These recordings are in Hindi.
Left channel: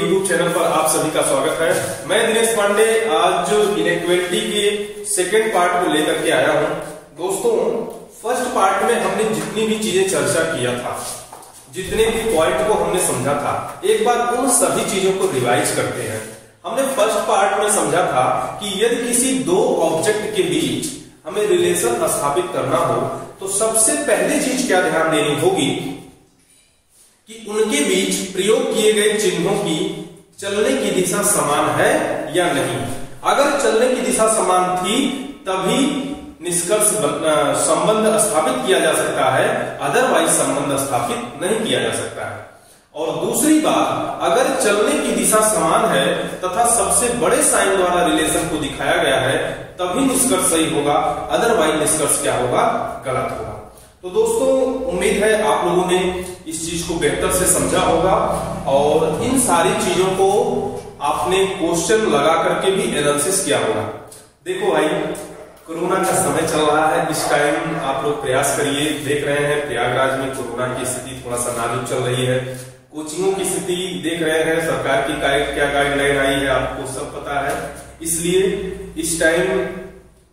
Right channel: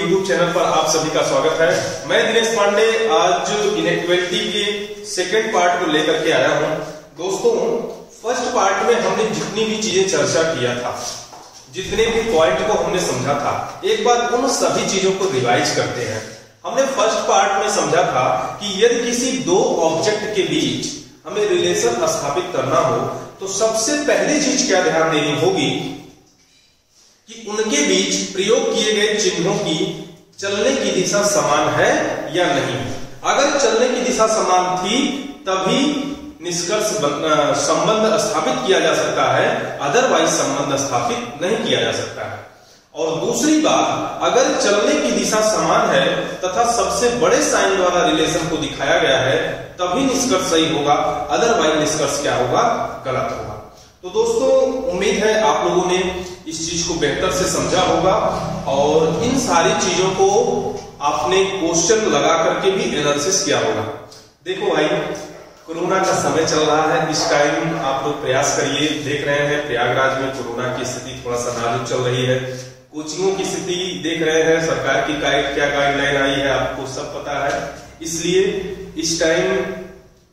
यूट्यूब चैनल पर आप सभी का स्वागत है। मैं दिनेश पांडे आज इनइक्वालिटी के सेकंड पार्ट को लेकर के आया हूं। दोस्तों, फर्स्ट पार्ट में हमने जितनी भी चीजें चर्चा किया था, जितने भी पॉइंट को हमने समझा था, एक बार उन सभी चीजों को रिवाइज करते हैं। हमने फर्स्ट पार्ट में समझा था कि यदि किसी दो ऑब्जेक्ट के बीच हमें रिलेशन स्थापित करना हो तो सबसे पहले चीज क्या ध्यान देनी होगी कि उनके बीच प्रयोग किए गए चिन्हों की चलने की दिशा समान है या नहीं। अगर चलने की दिशा समान थी तभी निष्कर्ष संबंध स्थापित किया जा सकता है, अदरवाइज संबंध स्थापित नहीं किया जा सकता है। और दूसरी बात, अगर चलने की दिशा समान है तथा सबसे बड़े साइन द्वारा रिलेशन को दिखाया गया है तभी निष्कर्ष सही होगा, अदरवाइज निष्कर्ष क्या होगा, गलत होगा। तो दोस्तों, उम्मीद है आप लोगों ने इस चीज को बेहतर से समझा होगा और इन सारी चीजों को आपने क्वेश्चन लगा करके भी एनालिसिस किया होगा। देखो भाई, कोरोना का समय चल रहा है, इस टाइम आप लोग प्रयास करिए। देख रहे हैं प्रयागराज में कोरोना की स्थिति थोड़ा सा नाजुक चल रही है। कोचिंगों की स्थिति देख रहे हैं, सरकार की क्या गाइडलाइन आई है आपको सब पता है। इसलिए इस टाइम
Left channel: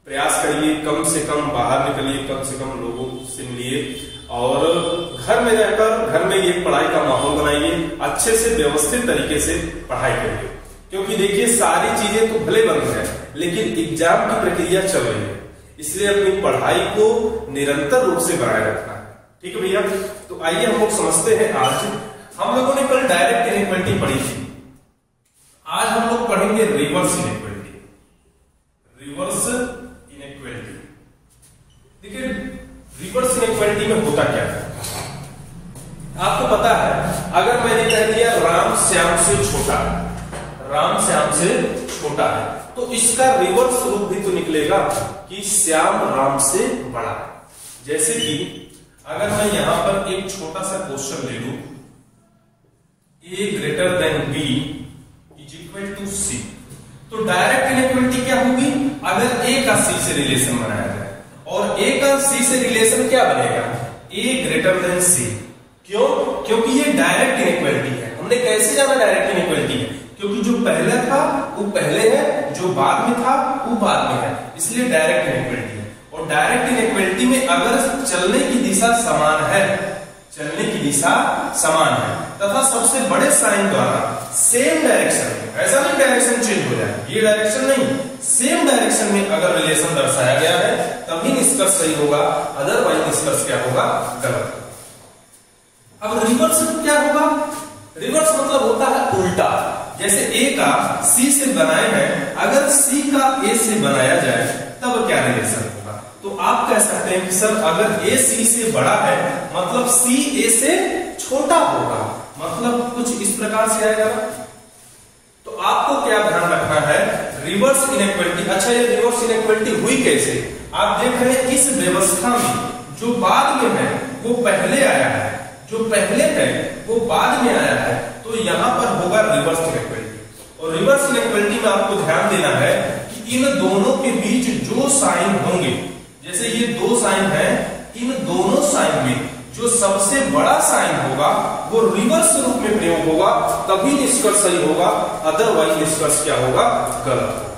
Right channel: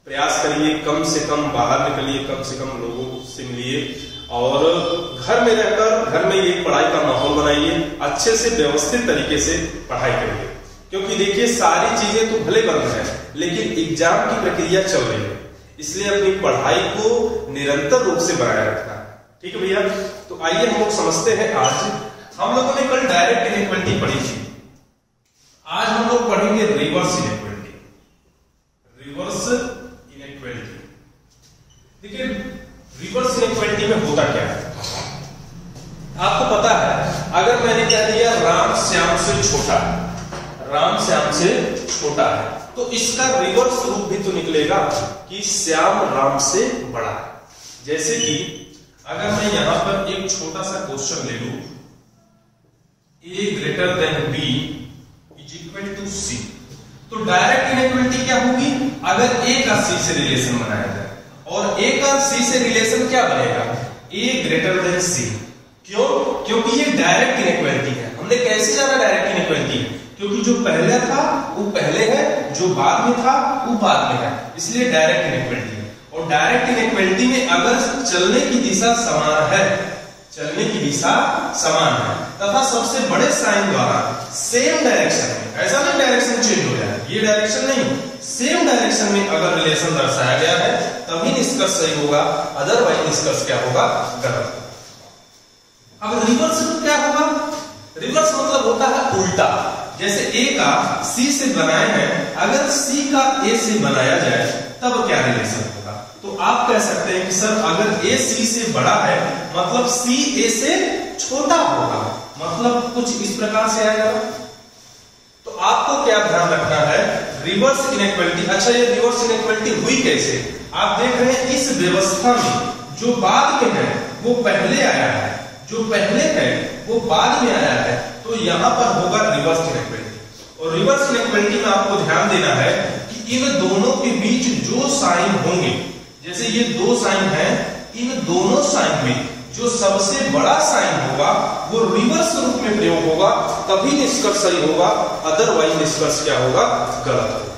प्रयास करिए, कम से कम बाहर निकलिए, कम से कम लोगों से मिलिए और घर में रहकर घर में एक पढ़ाई का माहौल बनाइए, अच्छे से व्यवस्थित तरीके से पढ़ाई करिए। क्योंकि देखिए, सारी चीजें तो भले बंद है लेकिन एग्जाम की प्रक्रिया चल रही है, इसलिए अपनी पढ़ाई को निरंतर रूप से बनाए रखना है। ठीक है भैया, तो आइए हम लोग समझते हैं। आज हम लोगों ने कल डायरेक्ट इनइक्वालिटी पढ़ी थी, आज हम लोग पढ़ेंगे रिवर्स इनइक्वालिटी। रिवर्स इनइक्वालिटी, देखिए रिवर्स इनइक्वालिटी में होता क्या है आपको पता है। अगर मैंने कह दिया राम श्याम से छोटा है, राम श्याम से छोटा है, तो इसका रिवर्स रूप भी तो निकलेगा कि श्याम राम से बड़ा है। जैसे कि अगर मैं यहां पर एक छोटा सा क्वेश्चन ले लूं, a greater than b is equal to c, तो डायरेक्ट इनइक्वालिटी क्या होगी? अगर a का c से रिलेशन बनाया जाए और a का c से रिलेशन क्या बनेगा? a greater than c। क्यों? क्योंकि ये डायरेक्ट इनइक्वालिटी है। हमने कैसे जाना डायरेक्ट इनइक्वालिटी? क्योंकि जो पहले था वो पहले है, जो बाद में था वो बाद में है, इसलिए डायरेक्ट इनइक्वालिटी है। और डायरेक्ट इनइक्वालिटी में अगर चलने की दिशा समान है, चलने की दिशा समान है तथा सबसे बड़े साइन द्वारा सेम डायरेक्शन में, ऐसा नहीं डायरेक्शन चेंज हो जाए, ये डायरेक्शन नहीं, सेम डायरेक्शन में अगर रिलेशन दर्शाया गया है तभी निष्कर्ष सही होगा, अदरवाइज निष्कर्ष क्या होगा, गलत होगा। अब रिवर्स क्या होगा? रिवर्स मतलब होता है उल्टा। जैसे a का c से बनाए हैं, अगर c का a से बनाया जाए तब क्या रिलेशन होगा? तो आप कह सकते हैं कि सर अगर a c से बड़ा है मतलब c a से छोटा होगा, मतलब कुछ इस प्रकार से आएगा। तो आपको क्या ध्यान रखना है, रिवर्स इनइक्वालिटी। अच्छा, ये रिवर्स इनइक्वालिटी हुई कैसे? आप देख रहे हैं इस व्यवस्था में जो बाद में है वो पहले आया है, जो पहले है वो बाद में आया है, तो यहां पर होगा रिवर्स इनइक्वालिटी। और रिवर्स इनइक्वालिटी में आपको ध्यान देना है कि इन दोनों के बीच जो साइन होंगे, जैसे ये दो साइन है, इन दोनों साइन में जो सबसे बड़ा साइन होगा वो रिवर्स रूप में प्रयोग होगा, तभी निष्कर्ष सही होगा, अदरवाइज निष्कर्ष क्या होगा, गलत होगा।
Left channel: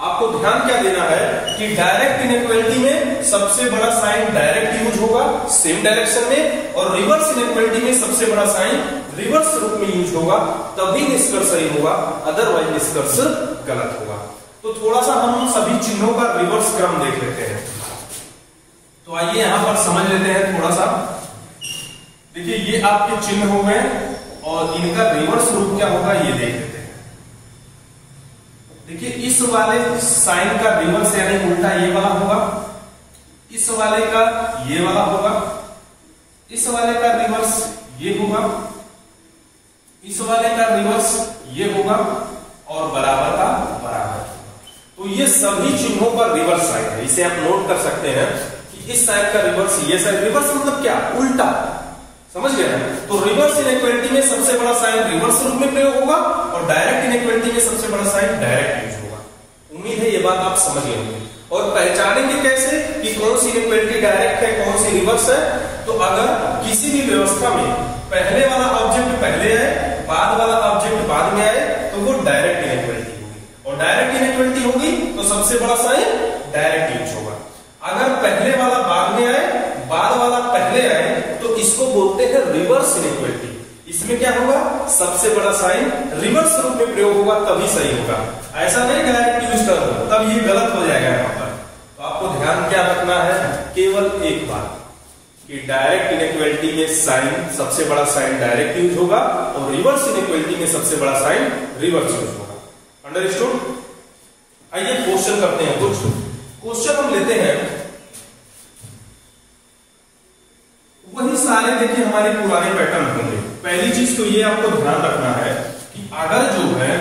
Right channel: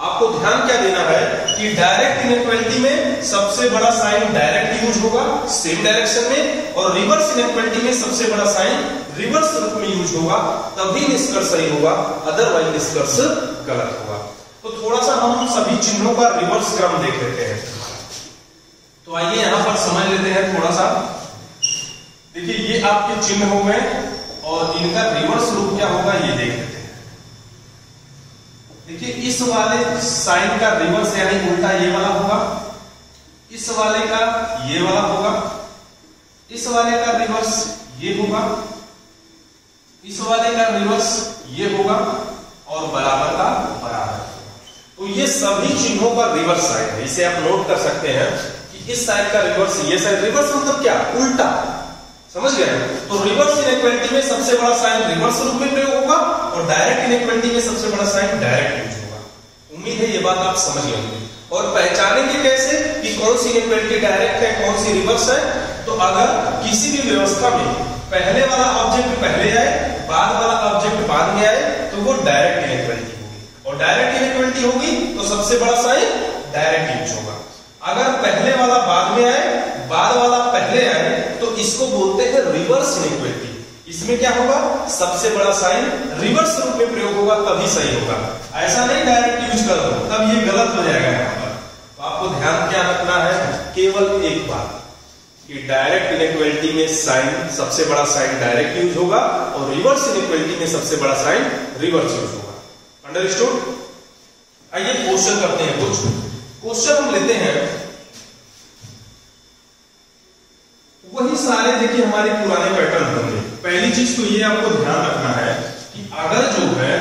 आपको ध्यान क्या देना है कि डायरेक्ट इनइक्वालिटी में सबसे बड़ा साइन डायरेक्ट यूज होगा सेम डायरेक्शन में, और रिवर्स इनइक्वालिटी में सबसे बड़ा साइन रिवर्स रूप में यूज होगा, तभी निष्कर्ष सही होगा, अदरवाइज निष्कर्ष गलत होगा। तो थोड़ा सा हम सभी चिन्हों का रिवर्स क्रम देख लेते हैं। तो आइए यहां पर समझ लेते हैं थोड़ा सा। देखिए, ये आपके चिन्ह हो गए और इनका रिवर्स रूप क्या होगा ये देख लेते हैं। देखिए, इस वाले साइन का रिवर्स यानी उल्टा ये वाला होगा, इस वाले का ये वाला होगा, इस वाले का रिवर्स ये होगा, इस वाले का रिवर्स ये होगा और बराबर का बराबर। तो ये सभी चिन्हों का रिवर्स साइन है। इसे आप नोट कर सकते हैं कि इस साइन का रिवर्स ये साइन। रिवर्स मतलब क्या? उल्टा। समझ गए ना? तो रिवर्स इनइक्वालिटी में सबसे बड़ा साइन रिवर्स रूप में प्रयोग होगा और डायरेक्ट इनइक्वालिटी में सबसे बड़ा साइन डायरेक्ट यूज होगा। उम्मीद है ये बात आप समझ गए होंगे। और पहचानेंगे कैसे कि कौन सी इनइक्वालिटी डायरेक्ट है, कौन सी रिवर्स है? तो अगर किसी भी व्यवस्था में पहले वाला ऑब्जेक्ट पहले है, बाद वाला ऑब्जेक्ट बाद में आए तो वो डायरेक्ट इनइक्वालिटी होगी, और डायरेक्ट इनइक्वालिटी होगी तो सबसे बड़ा साइन डायरेक्ट यूज होगा। अगर पहले वाला बाद में आए, बाद वाला पहले आए, तो इसको बोलते हैं रिवर्स इनइक्वालिटी। इसमें क्या होगा, सबसे बड़ा साइन रिवर्स रूप में प्रयोग होगा तभी सही होगा। ऐसा नहीं डायरेक्ट यूज कर दो तब ये गलत हो जाएगा यहाँ पर। तो आपको ध्यान क्या रखना है, केवल एक बात कि डायरेक्ट इनइक्वालिटी में साइन सबसे बड़ा साइन डायरेक्ट यूज होगा और रिवर्स इनइक्वालिटी में सबसे बड़ा साइन रिवर्स यूज होगा। अंडरस्टूड? आइए क्वेश्चन करते हैं। कुछ क्वेश्चन हम लेते हैं, वही सारे देखिए हमारे पुराने पैटर्न होंगे। पहली चीज तो ये आपको ध्यान रखना है कि अगर जो है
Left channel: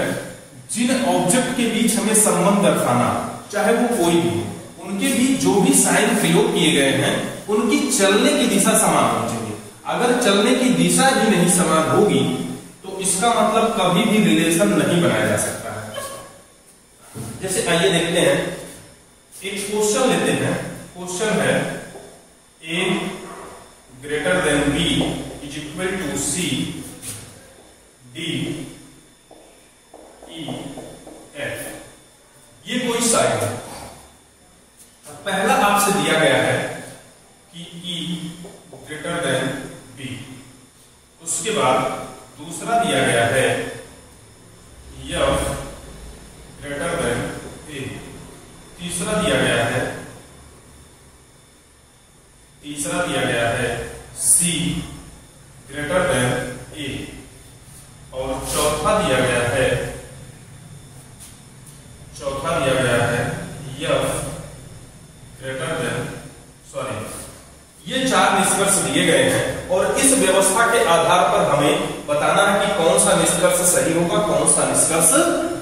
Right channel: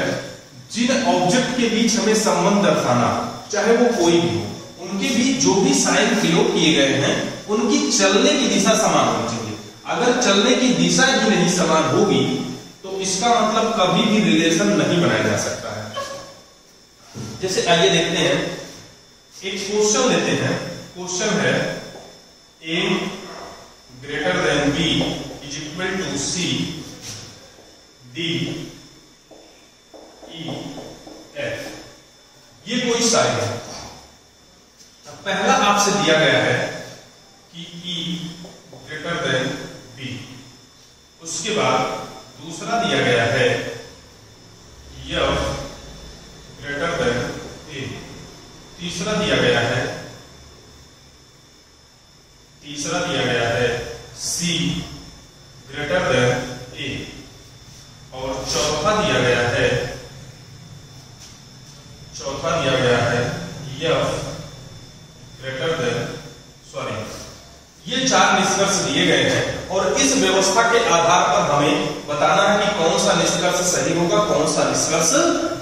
जिन ऑब्जेक्ट के बीच हमें संबंध दर्शाना, चाहे वो कोई भी हो, उनके बीच जो भी साइन प्रयोग किए गए हैं उनकी चलने की दिशा समान होनी चाहिए। अगर चलने की दिशा ही नहीं समान होगी तो इसका मतलब कभी भी रिलेशन नहीं बनाया जा सकता है। जैसे आइए देखते हैं, एक क्वेश्चन लेते हैं। क्वेश्चन है A greater than B is equal to C D E F। ये कोई साइन है। पहला आपसे दिया गया है कि E greater than B, उसके बाद दूसरा दिया गया है F greater than A, तीसरा दिया गया है C greater than A, और चौथा दिया गया है F greater than, ये चार निष्कर्ष दिए गए हैं और इस व्यवस्था के आधार पर हमें बताना है कि कौन सा निष्कर्ष सही होगा, कौन सा निष्कर्ष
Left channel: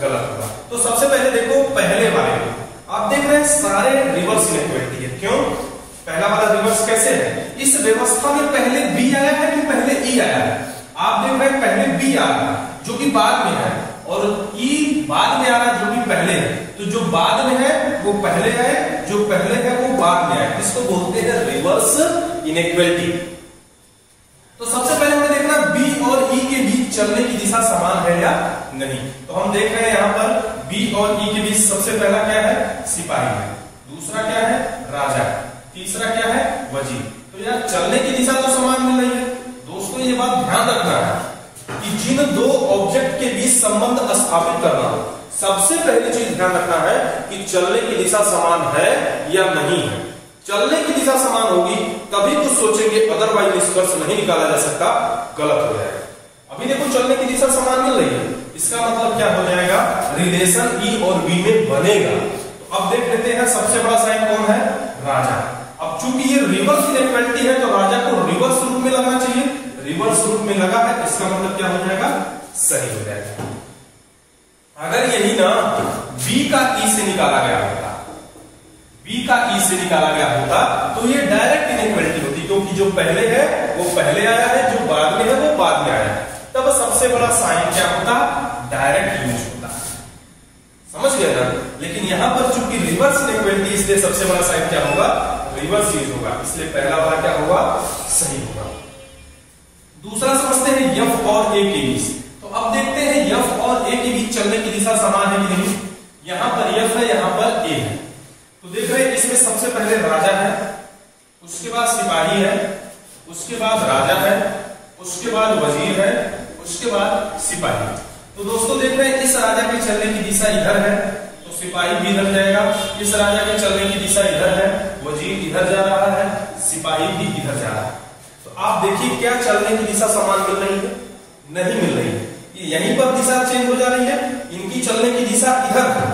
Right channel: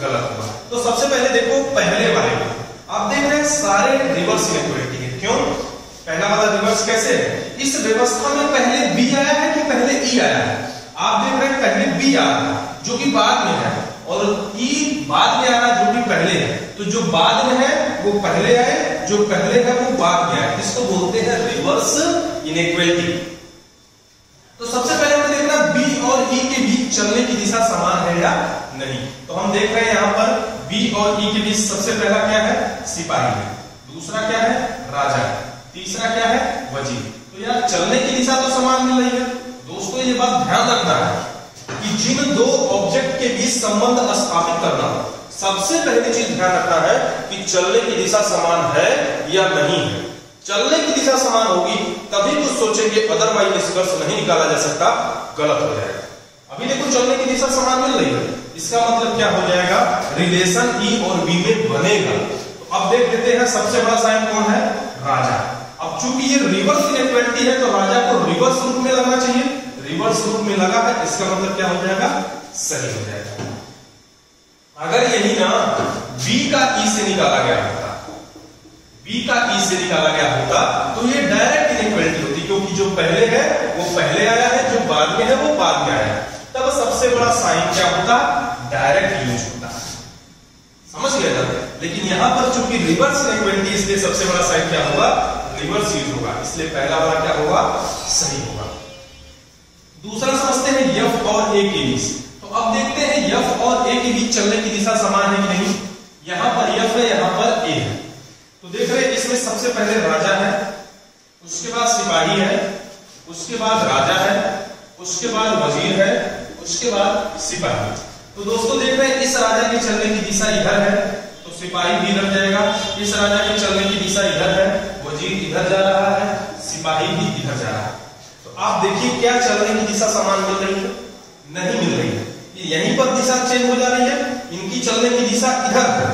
गलत होगा। तो सबसे पहले देखो, पहले वाले में आप देख रहे हैं सारे रिवर्स इनइक्वालिटी है। क्यों? पहला वाला रिवर्स कैसे है? इस व्यवस्था में पहले बी आया है कि पहले ई आया है? आप देख रहे हैं पहले बी आया है जो कि बाद में है, और ई बाद में आ रहा है जो कि पहले है। तो जो बाद में है वो पहले आए, जो पहले है वो बाद में आए। इसको बोलते हैं रिवर्स इनइक्वालिटी। तो सबसे पहले हमें देखना बी और ई के बीच चलने की दिशा समान है या नहीं। तो हम देख रहे हैं यहाँ पर बी और ई के बीच सबसे पहला क्या है, सिपाही है, दूसरा क्या है, राजा है, तीसरा क्या है, वजीर। तो यार चलने की दिशा तो समान मिल रही है। दोस्तों ये बात ध्यान रखना है कि जिन दो ऑब्जेक्ट के बीच संबंध स्थापित करना, सबसे पहली चीज ध्यान रखना है कि चलने की दिशा समान है या नहीं है। चलने की दिशा समान होगी तभी कुछ सोचेंगे, अदरवाइज निष्कर्ष नहीं निकाला जा सकता, गलत हो जाएगा। अभी देखो चलने की दिशा समान मिल रही है, इसका मतलब क्या हो जाएगा, रिलेशन ई और बी में बनेगा। तो अब देख लेते हैं सबसे बड़ा साइन कौन है, राजा। अब चूंकि ये रिवर्स इनइक्वालिटी है तो राजा को रिवर्स रूप में लगना चाहिए, रिवर्स रूप में लगा है, इसका मतलब क्या हो जाएगा, सही हो जाएगा। अगर यही ना बी का ई से निकाला गया होता, बी का ई से निकाला गया होता तो ये डायरेक्ट इनइक्वालिटी होती, क्योंकि जो पहले है वो पहले आया है, जो बाद में है वो बाद में आया है। तब सबसे बड़ा साइन क्या होता, डायरेक्ट यूज होता। समझ गए ना? लेकिन यहां पर चूंकि रिवर्स इनइक्वालिटी, इसलिए सबसे बड़ा साइन क्या होगा, रिवर्स यूज होगा, इसलिए पहला वाला क्या होगा, सही होगा। दूसरा समझते हैं एफ और ए के बीच। तो अब देखते हैं एफ और ए के बीच चलने की दिशा समान है कि नहीं। यहां पर एफ है, यहां पर ए है। तो देख रहे हैं इसमें सबसे पहले राजा है, उसके बाद सिपाही है, उसके बाद राजा है, उसके बाद वजीर है, उसके बाद सिपाही। तो दोस्तों देख रहे हैं इस राजा के चलने की दिशा इधर है तो सिपाही भी इधर जाएगा, इस राजा के चलने की दिशा इधर है, वजीर इधर जा रहा है, सिपाही भी इधर जा रहा है। तो आप देखिए क्या चलने की दिशा समान मिल रही है, नहीं मिल रही है। यहीं पर दिशा चेंज हो जा रही है, इनकी चलने की दिशा इधर है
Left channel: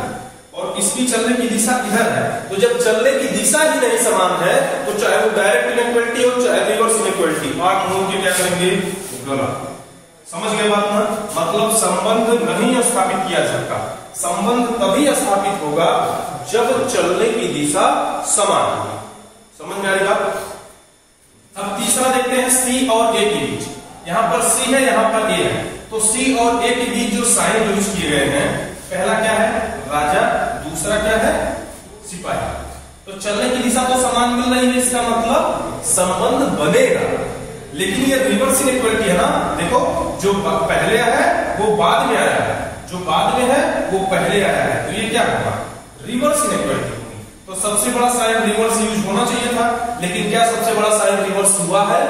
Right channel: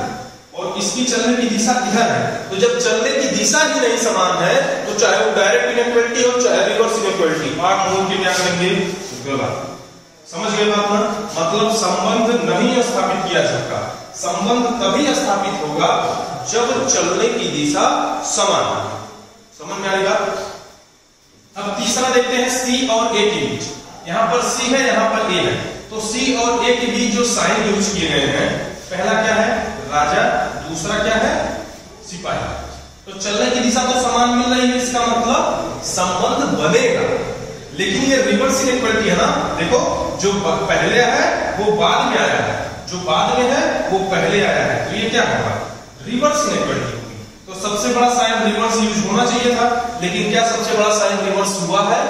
और इसकी चलने की दिशा इधर है। तो जब चलने की दिशा ही नहीं समान है तो चाहे वो डायरेक्ट इनइक्वालिटी हो चाहे रिवर्स इनइक्वालिटी, आठ मोल के क्या करेंगे, गलत। समझ गए बात ना? मतलब संबंध नहीं स्थापित किया जाता, संबंध तभी स्थापित होगा जब चलने की दिशा समान होगी। समझ में आ रही बात? अब तीसरा देखते हैं सी और ए के बीच। यहां पर सी है, यहां पर ए है, तो सी और ए के बीच जो साइन यूज किए गए हैं, पहला क्या है, राजा, दूसरा क्या है, सिपाही। तो चलने की दिशा तो समान मिल रही है, इसका मतलब संबंध बनेगा। लेकिन ये रिवर्स इनइक्वालिटी है ना, देखो जो पहले है वो बाद में आया है, जो बाद में है वो पहले आया है, तो ये क्या होगा, रिवर्स इनइक्वालिटी होगी। तो सबसे बड़ा साइन रिवर्स यूज होना चाहिए था, लेकिन क्या सबसे बड़ा साइन रिवर्स हुआ है,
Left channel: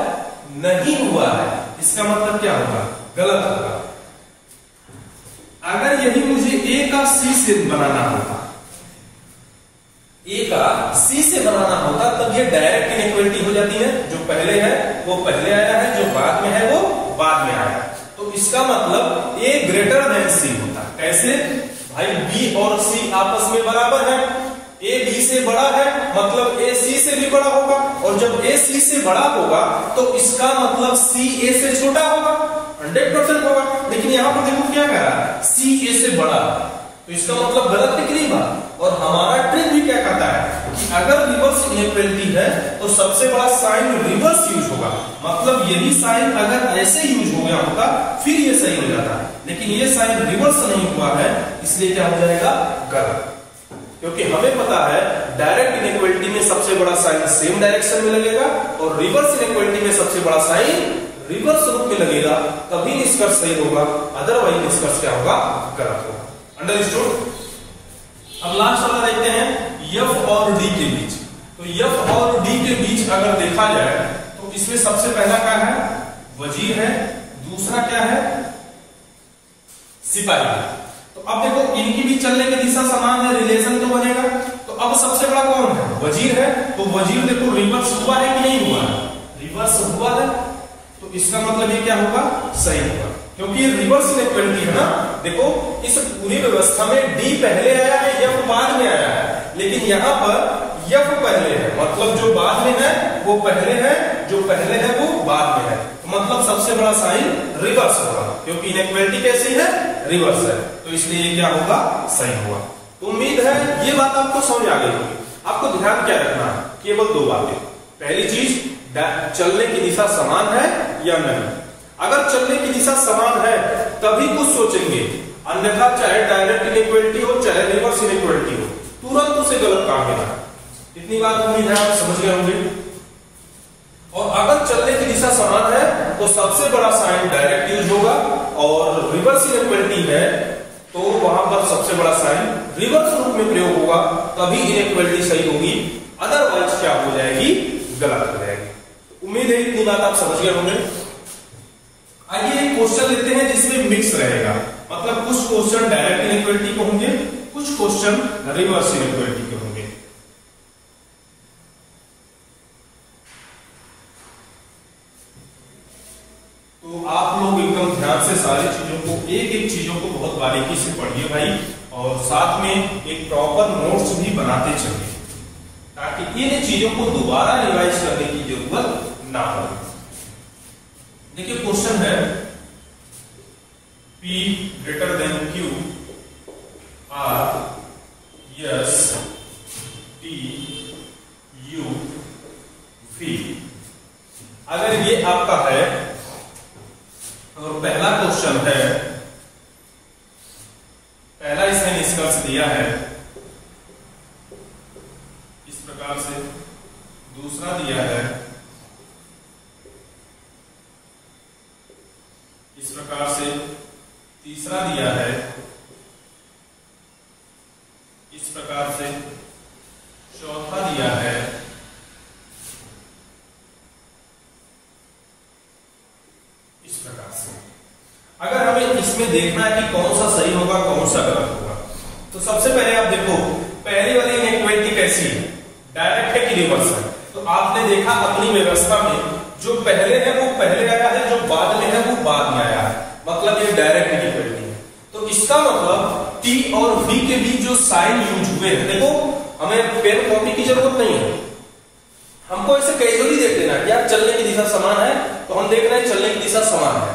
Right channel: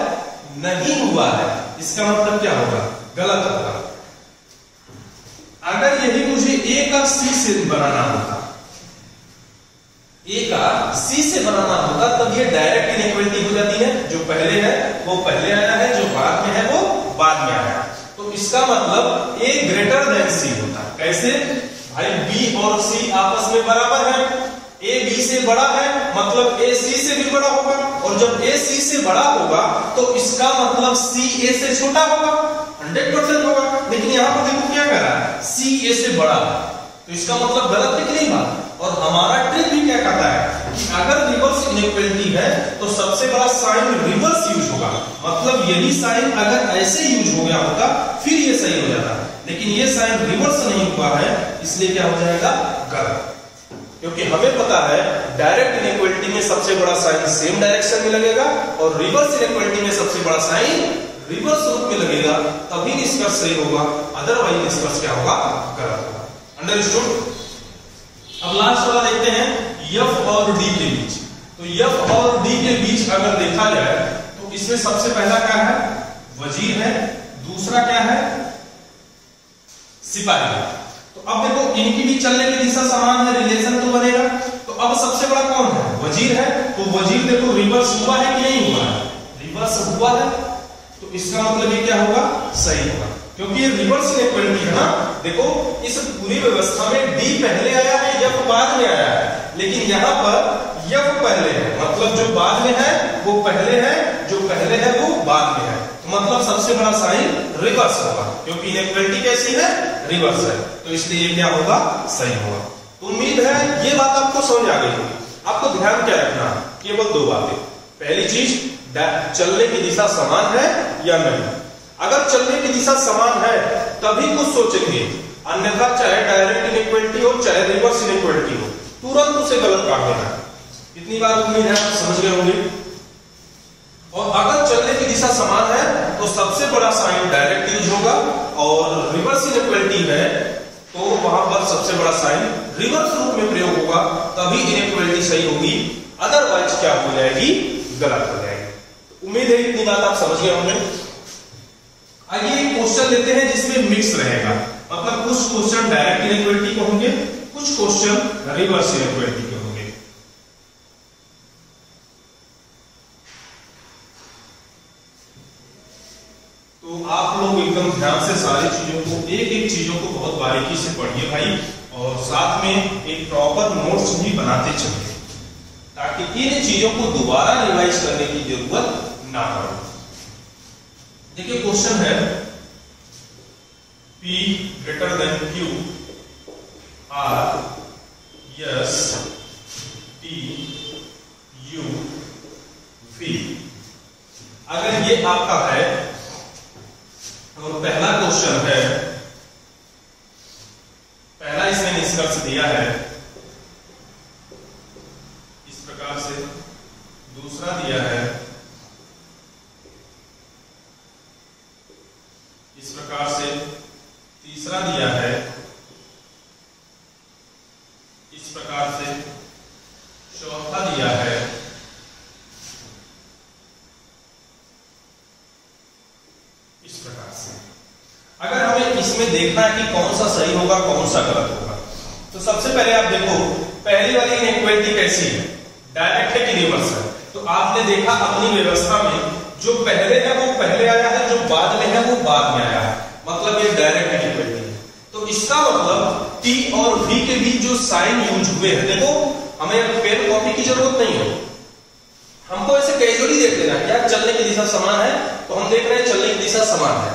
नहीं हुआ है। इसका मतलब क्या होगा, गलत होगा। अगर यही मुझे ए का सी से बनाना होता, ए का सी से बनाना होता, तब ये डायरेक्ट इनइक्वालिटी हो जाती है, जो पहले है वो पहले आया है, जो बाद में है वो बाद में आया। तो इसका मतलब ए ग्रेटर देन सी होता। कैसे भाई, बी और सी आपस में बराबर है, ए बी से बड़ा है मतलब ए सी से भी बड़ा होगा, और जब ए सी से बड़ा होगा तो इसका मतलब सी ए से छोटा होगा, 100% होगा। लेकिन यहां पर देखो क्या कह रहा है, सी ए से बड़ा, तो इसका मतलब गलत निकली बात। और हमारा ट्रिक भी क्या कहता है कि अगर रिवर्स इनइक्वालिटी है तो सबसे बड़ा साइन रिवर्स यूज होगा, मतलब यही साइन अगर ऐसे यूज हो गया होता फिर ये सही हो जाता है, लेकिन ये साइन रिवर्स नहीं हुआ है, इसलिए क्या हो जाएगा, गलत। क्योंकि हमें पता है डायरेक्ट इनइक्वालिटी में सबसे बड़ा साइन सेम डायरेक्शन में लगेगा, और रिवर्स इनइक्वालिटी में सबसे बड़ा साइन रिवर्स रूप में लगेगा, तभी निष्कर्ष सही होगा, अदरवाइज निष्कर्ष क्या होगा, गलत होगा। अंडरस्टूड। अब लास्ट वाला देखते हैं, एफ और डी के बीच। तो एफ और डी के बीच अगर देखा जाए तो इसमें सबसे पहला क्या है, वजीर है, दूसरा क्या है, सिपाही है। तो अब देखो इनकी भी चलने की दिशा समान है, रिलेशन तो बनेगा। तो अब सबसे बड़ा कौन है, वजीर है। तो वजीर देखो रिवर्स हुआ है कि नहीं हुआ है, रिवर्स हुआ है, तो इसका मतलब ये क्या होगा, सही होगा, क्योंकि ये रिवर्स इनइक्वालिटी है ना। देखो इस पूरी व्यवस्था में डी पहले आया है, एफ बाद में आया है, लेकिन यहां पर एफ पहले है, मतलब जो बाद में है वो पहले है, जो पहले है वो बाद में है, तो मतलब सबसे बड़ा साइन रिवर्स होगा, क्योंकि इनइक्वालिटी कैसी है, रिवर्स है, तो इसलिए ये क्या होगा, सही होगा। तो उम्मीद है ये बात आपको समझ आ गई होगी। आपको ध्यान क्या रखना है, केवल दो बातें। पहली चीज, चलने की दिशा समान है या नहीं। अगर चलने की दिशा समान है तभी कुछ सोचेंगे, अन्यथा चाहे डायरेक्ट इनइक्वालिटी हो चाहे रिवर्स इनइक्वालिटी हो, तुरंत उसे गलत काम देना है। इतनी बात उम्मीद है आप समझ गए होंगे। और अगर चलने की दिशा समान है तो सबसे बड़ा साइन डायरेक्ट यूज होगा, और रिवर्स इनइक्वालिटी है तो वहां पर सबसे बड़ा साइन रिवर्स रूप में प्रयोग होगा, तभी इनइक्वालिटी सही होगी, अदरवाइज क्या हो जाएगी, गलत हो जाएगी। उम्मीद है इतनी बात आप समझ गए होंगे। आइए एक क्वेश्चन लेते हैं जिसमें मिक्स रहेगा, मतलब कुछ क्वेश्चन डायरेक्ट इनइक्वालिटी के होंगे, कुछ क्वेश्चन रिवर्स इनइक्वालिटी के होंगे। तो आप लोग एकदम ध्यान से सारी चीजों को, एक एक चीजों को बहुत बारीकी से पढ़िए भाई, और साथ में एक प्रॉपर नोट्स भी बनाते चलिए, ताकि इन चीजों को दोबारा रिवाइज करने की जरूरत ना पड़े। देखिए क्वेश्चन है, P greater than Q R S T U V। अगर ये आपका है और पहला क्वेश्चन है, पहला इसमें निष्कर्ष दिया है इस प्रकार से, दूसरा दिया है इस प्रकार से, तीसरा दिया है इस प्रकार से, चौथा दिया है इस प्रकार से। अगर हमें इसमें देखना है कि कौन सा सही होगा कौन सा गलत होगा, तो सबसे पहले आप देखो पहली वाली इनइक्वालिटी कैसी है, डायरेक्ट है कि रिवर्स है। तो आपने देखा अपनी व्यवस्था में जो पहले है वो पहले आया है, जो बाद में है वो बाद में आया है, मतलब ये डायरेक्ट इनइक्वालिटी है। तो इसका मतलब T और V के बीच जो साइन यूज हुए हैं, देखो हमें पेन कॉपी की जरूरत नहीं है, हमको ऐसे कैजुअली देख लेना है, यार चलने की दिशा समान है तो हम देख रहे हैं चलने की दिशा समान है,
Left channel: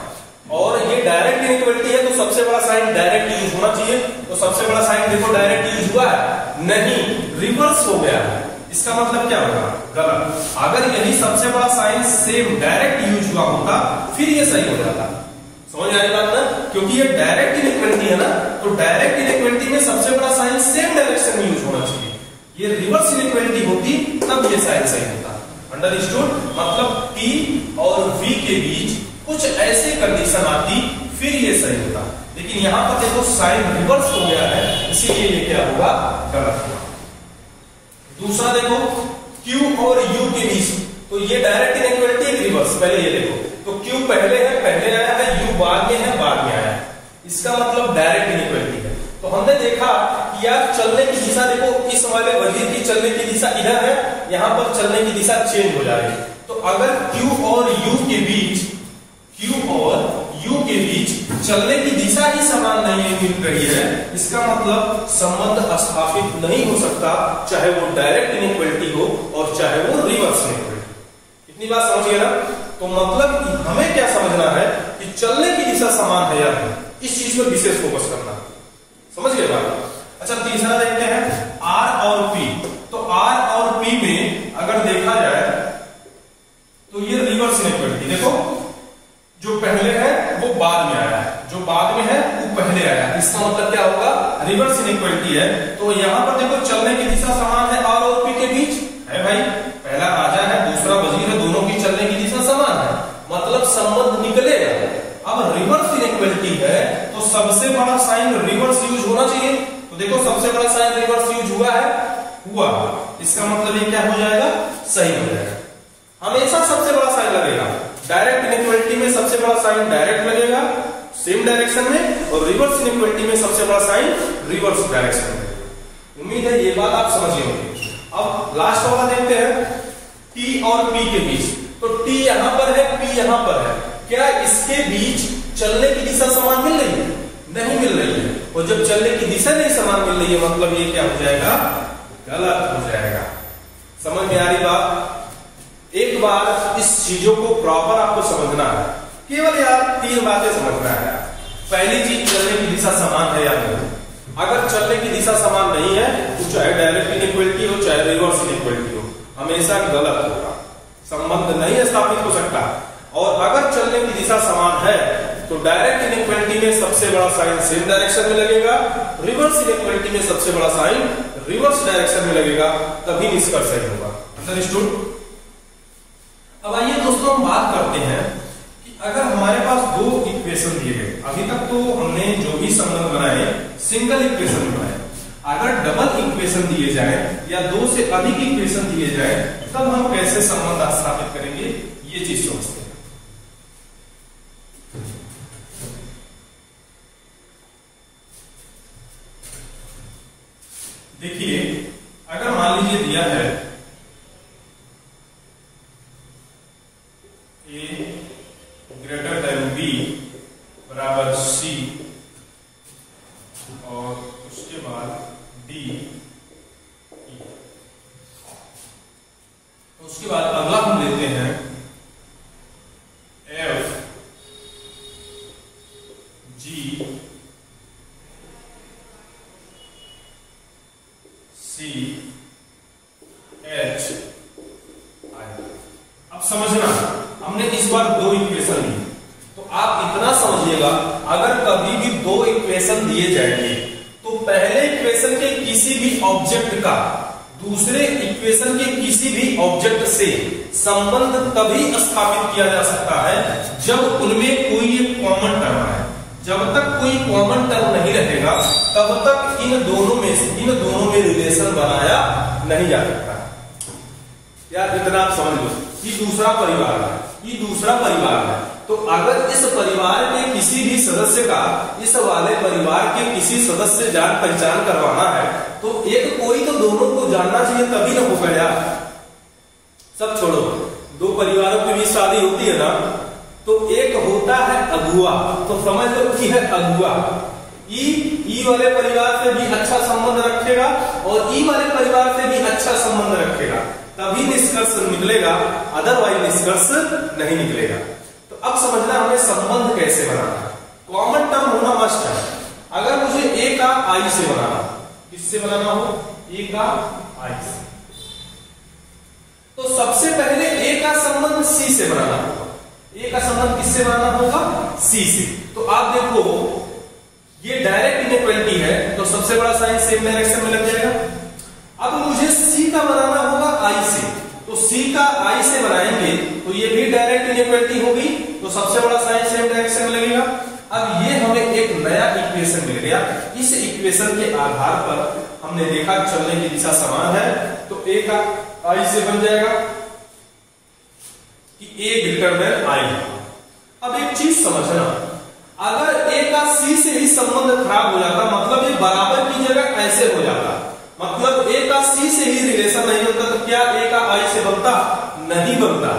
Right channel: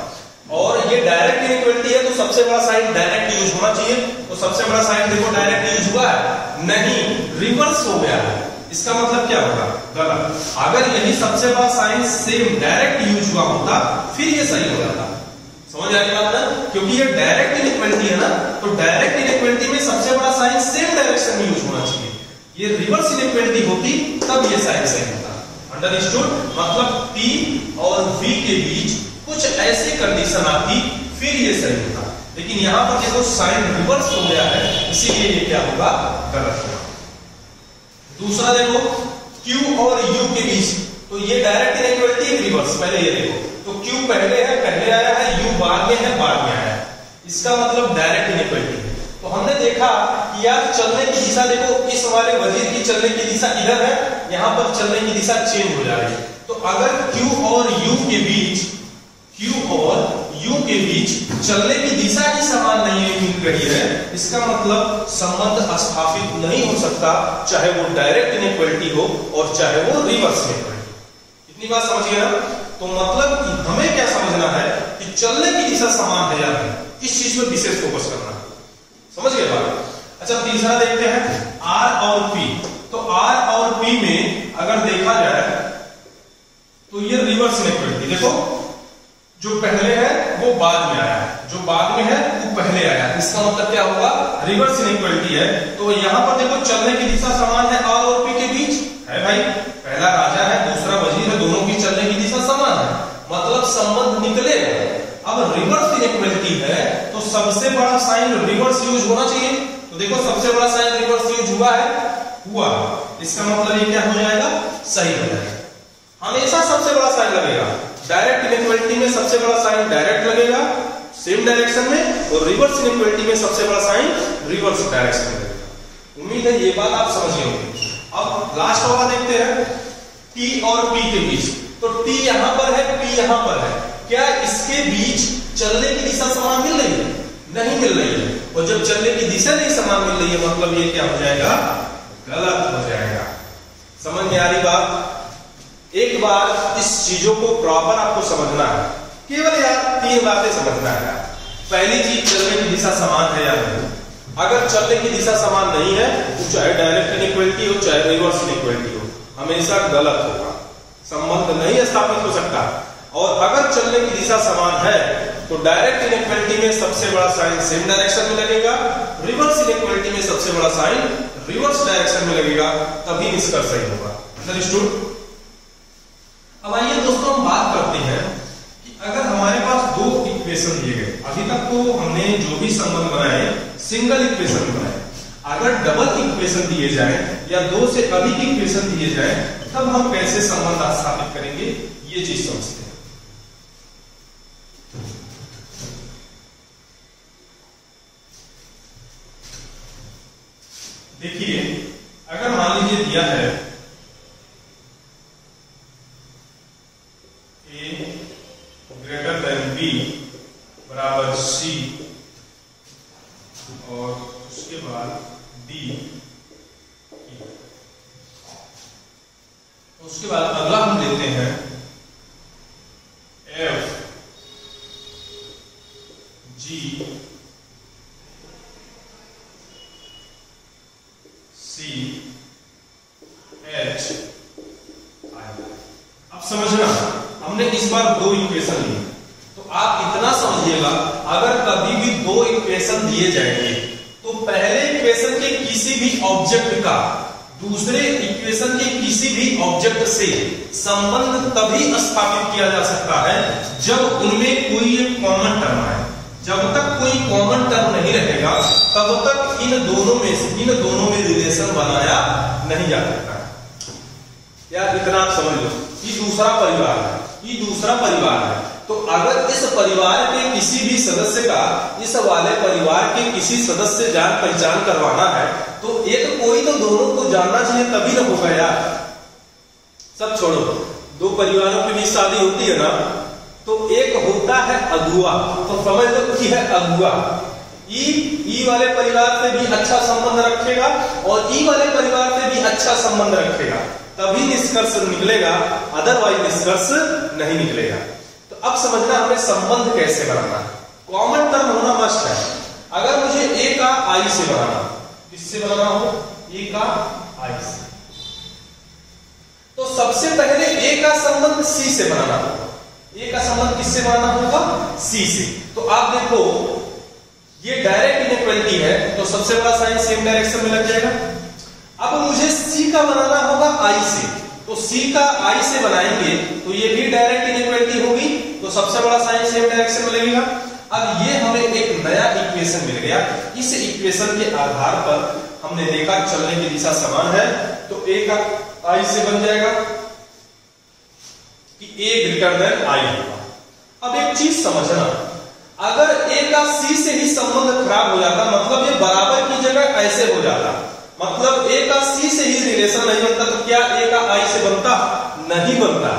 और ये डायरेक्ट इनइक्वालिटी है तो सबसे बड़ा साइन डायरेक्ट यूज होना चाहिए। तो सबसे बड़ा साइन देखो डायरेक्ट यूज हुआ है नहीं, रिवर्स हो गया है, इसका मतलब क्या होगा, गलत। अगर यही सबसे बड़ा साइन सेम डायरेक्ट यूज हुआ होता फिर ये सही हो जाता। समझ आएगी बात ना, क्योंकि ये डायरेक्ट इनइक्वालिटी है ना, तो डायरेक्ट इनइक्वालिटी में सबसे बड़ा साइन सेम डायरेक्शन में यूज होना चाहिए। ये रिवर्स इनइक्वालिटी होती तब ये साइन सही होता। अंडरस्टूड? मतलब P और V के बीच कुछ ऐसी कंडीशन आती फिर ये सही होता, लेकिन यहां पर देखो साइन रिवर्स हो गया है, इसीलिए ये क्या होगा? गलत होगा। दूसरा देखो Q और U के बीच, तो ये डायरेक्ट इनइक्वालिटी एक रिवर्स। पहले ये देखो, तो Q पहले है, पहले आया है, U बाद में है, बाद में आया है, इसका मतलब डायरेक्ट इनइक्वालिटी है। तो हमने देखा कि यार चलने की दिशा देखो, इस वाले वजीर की चलने की दिशा इधर है, यहां पर चलने की दिशा चेंज हो जा रही है। तो अगर Q और U के बीच, Q और U के बीच चलने की दिशा ही समान नहीं मिल रही है, इसका मतलब संबंध स्थापित नहीं हो सकता, चाहे वो डायरेक्ट इनइक्वालिटी हो और चाहे वो रिवर्स इनइक्वालिटी। इतनी बात समझिए ना? तो मतलब कि हमें क्या समझना है कि चलने की दिशा समान है या नहीं, इस चीज पर विशेष फोकस करना। समझ गए बात? अच्छा, तीसरा देखते हैं R और P। तो R और P में अगर देखा जाए तो ये रिवर्स इनइक्वालिटी, देखो जो पहले है वो बाद में आया है, जो बाद में है वो पहले आया है, इसका मतलब क्या होगा? रिवर्स इनइक्वालिटी है। तो यहां पर देखो चलने की दिशा समान है R और P के बीच है भाई, पहला राजा है, दूसरा वजीर है, दोनों की चलने की दिशा समान है, मतलब संबंध निकलेगा। अब रिवर्स इनइक्वालिटी है तो सबसे बड़ा साइन रिवर्स यूज होना चाहिए। तो देखो सबसे बड़ा साइन रिवर्स यूज हुआ है, हुआ, इसका मतलब ये क्या हो जाएगा? सही हो जाएगा। हमेशा सबसे बड़ा साइन लगेगा, डायरेक्ट इनइक्वालिटी में सबसे बड़ा साइन डायरेक्ट लगेगा सेम डायरेक्शन में, और रिवर्स इनइक्वालिटी में सबसे बड़ा साइन रिवर्स डायरेक्शन में लगेगा। उम्मीद है ये बात आप समझ होंगे। अब लास्ट वाला देखते हैं T और P के बीच। तो T यहां पर है, P यहां पर है, क्या इसके बीच चलने की दिशा समान मिल रही है? नहीं मिल रही है, और जब चलने की दिशा नहीं समान मिल रही है मतलब ये क्या हो जाएगा? गलत हो जाएगा। समझ में आ रही बात? एक बार इस चीजों को प्रॉपर आपको समझना है, केवल यार 3 बातें समझना है। पहली चीज, चलने की दिशा समान है या नहीं। अगर चलने की दिशा समान नहीं है तो चाहे डायरेक्ट इनइक्वालिटी हो चाहे रिवर्स इनइक्वालिटी हो, हमेशा गलत होगा, संबंध नहीं स्थापित हो सकता। और अगर चलने की दिशा समान है तो डायरेक्ट इनइक्वालिटी में सबसे बड़ा साइन सेम डायरेक्शन में लगेगा, रिवर्स इनइक्वालिटी में सबसे बड़ा साइन रिवर्स डायरेक्शन में लगेगा, तभी निष्कर्ष सही होगा। अंडरस्टूड? अब आइए दोस्तों हम बात करते हैं कि अगर हमारे पास 2 इक्वेशन दिए गए, अभी तक तो हमने जो भी संबंध बनाए सिंगल इक्वेशन बनाए, अगर डबल इक्वेशन दिए जाए या 2 से अधिक इक्वेशन दिए जाए तब हम कैसे संबंध स्थापित करेंगे, ये चीज समझते हैं। देखिए, अगर मान लीजिए दिया है A ग्रेटर देन B बराबर C और उसके बाद D, तो उसके बाद अगला हम लेते हैं F G C H I। अब समझना, हमने इस बार 2 इक्वेशन ली, तो आप इतना समझिएगा अगर कभी भी 2 इक्वेशन दिए जाएंगे तो पहले इक्वेशन के किसी भी ऑब्जेक्ट का दूसरे इक्वेशन के किसी भी ऑब्जेक्ट से संबंध तभी स्थापित किया जा सकता है जब उनमें कोई एक कॉमन टर्म आए। जब तक कोई कॉमन टर्म नहीं रहेगा तब तक इन दोनों में रिलेशन बनाया नहीं जा सकता। यार इतना आप समझ लो, ये दूसरा परिवार है, ये दूसरा परिवार है, तो अगर इस परिवार के किसी भी सदस्य का इस वाले परिवार के किसी सदस्य से जान पहचान करवाना है तो एक कोई तो दोनों को जानना चाहिए, तभी ना होगा यार। सब छोड़ो, 2 परिवारों की भी शादी होती है ना, तो एक होता है अगुआ, तो समझ लो कि है अगुआ, ई वाले परिवार से भी अच्छा संबंध रखेगा और ई वाले परिवार से भी अच्छा संबंध रखेगा, तभी निष्कर्ष निकलेगा, अदरवाइज निष्कर्ष नहीं निकलेगा। तो अब समझना हमें संबंध कैसे बनाना है। कॉमन टर्म होना मस्ट है। अगर मुझे ए का आई से बनाना, किससे बनाना हो? ए का आई से, तो सबसे पहले ए का संबंध सी से बनाना होगा। ए का संबंध किससे बनाना होगा? सी से। तो आप देखो ये डायरेक्ट इनइक्वालिटी है तो सबसे बड़ा साइन सेम डायरेक्शन में लग जाएगा। अब मुझे सी का बनाना होगा आई से, तो सी का आई से बनाएंगे तो ये भी डायरेक्ट इनइक्वालिटी होगी, तो सबसे बड़ा साइन सेम डायरेक्शन में लगेगा। अब ये हमें एक नया इक्वेशन मिल गया। इस इक्वेशन के आधार पर हमने देखा चलने की दिशा समान है, तो ए का आई से बन जाएगा कि ए ग्रेटर देन आई होगा। अब एक चीज समझना, अगर ए का सी से ही संबंध खराब हो जाता, मतलब ये बराबर की जगह ऐसे हो जाता, मतलब ए का सी से ही रिलेशन नहीं बनता, तो क्या ए का आई से बनता? नहीं बनता।